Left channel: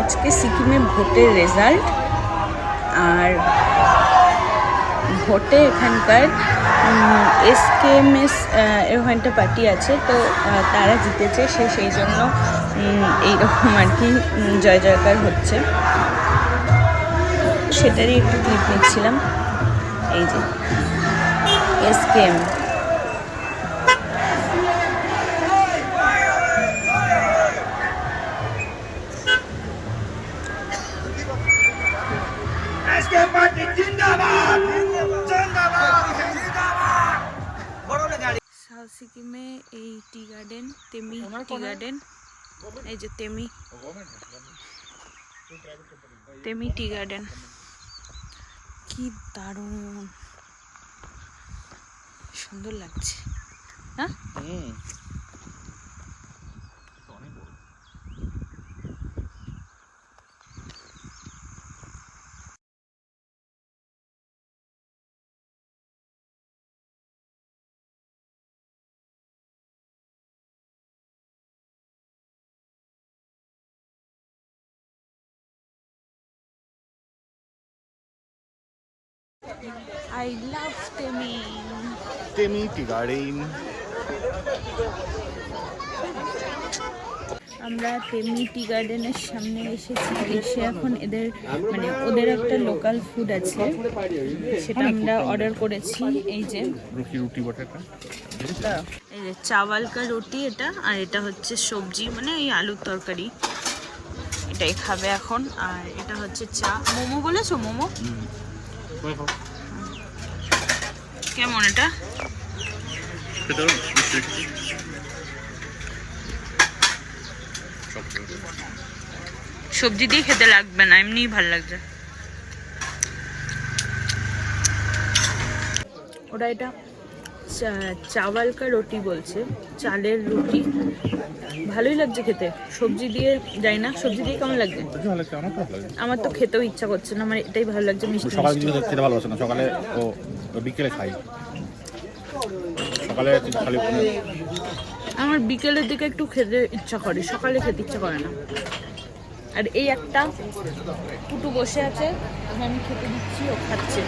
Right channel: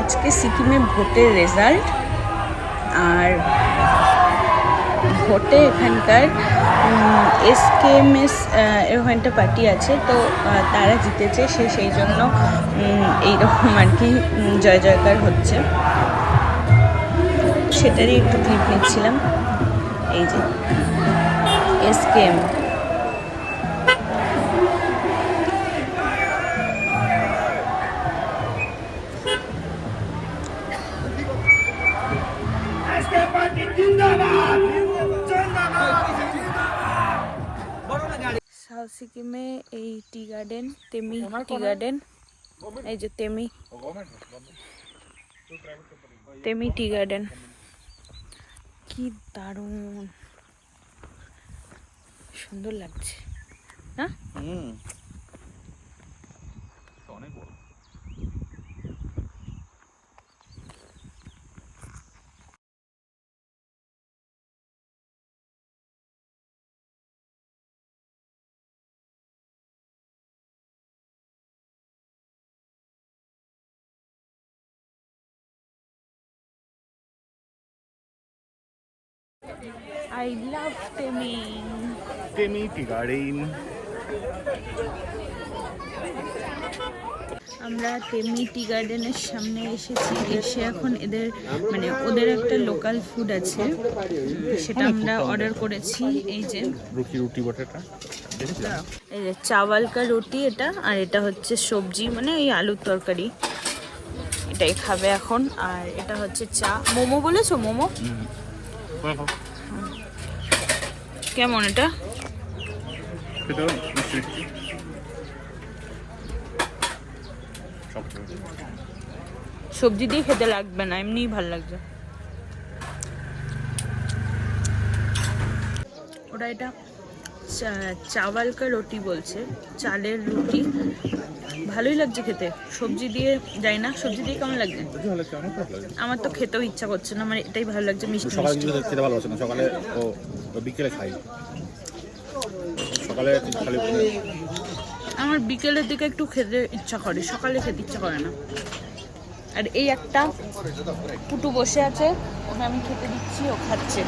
আজকে সিকিমে ভোটের রেজাল্ট, আর ভোটে এখানকার এসকেএমএস এরকম একটা পার্টি আছে, তো তারা জিতেছে, সেই জন্য এইরকম আর কি জয় জয়কার হচ্ছে, সেটারই একটু ক্লিপ নিচ্ছিলাম। এই যে এসকেএম, সাউথ সিকিমে এই tea garden, Temi tea garden, এই যে তেমি টি গার্ডেন, কি দারুণ সুন্দর লাগছে না? I love Temi tea garden. আমরা তেমি টি গার্ডেনের সামনে এসেছি, এসে এখন এদের মানে ওদের একটা লোকাল ফুড আছে, সেটা আমরা অর্ডার করেছি। এই যে এই যে চাওয়াল কা রুটি, এটা আর এটা হচ্ছে সবজি, মানে এই আলুর তরকারি, এটাই খাবে এখন। আর এটা হচ্ছে চা। মোমো বলেছো? মোমো কেমন এটা? সবজি দিয়ে খেতে লাগবে না, এমনিই ভাল লাগছে। ওরা এটা চাওয়াল কা রুটি বলছে, চালের রুটি, ভালোই লাগছে খেতে। সবজি দিয়ে যাই না, সবজি দিয়ে কেমন লাগছে? আমার তো খেতেও ইচ্ছা করছে না, আমার এটাই ভালো লাগছে, মিষ্টি মিষ্টি। আমার বিকেলের দিকে একটু খেতে ইচ্ছা করে, সকালে খেতে ইচ্ছা করে না। আর এই একটা টুটু বসে আছে, আমি খেতে দিচ্ছি, ও খাচ্ছে।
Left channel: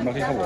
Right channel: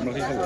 আমরা কি খাবো?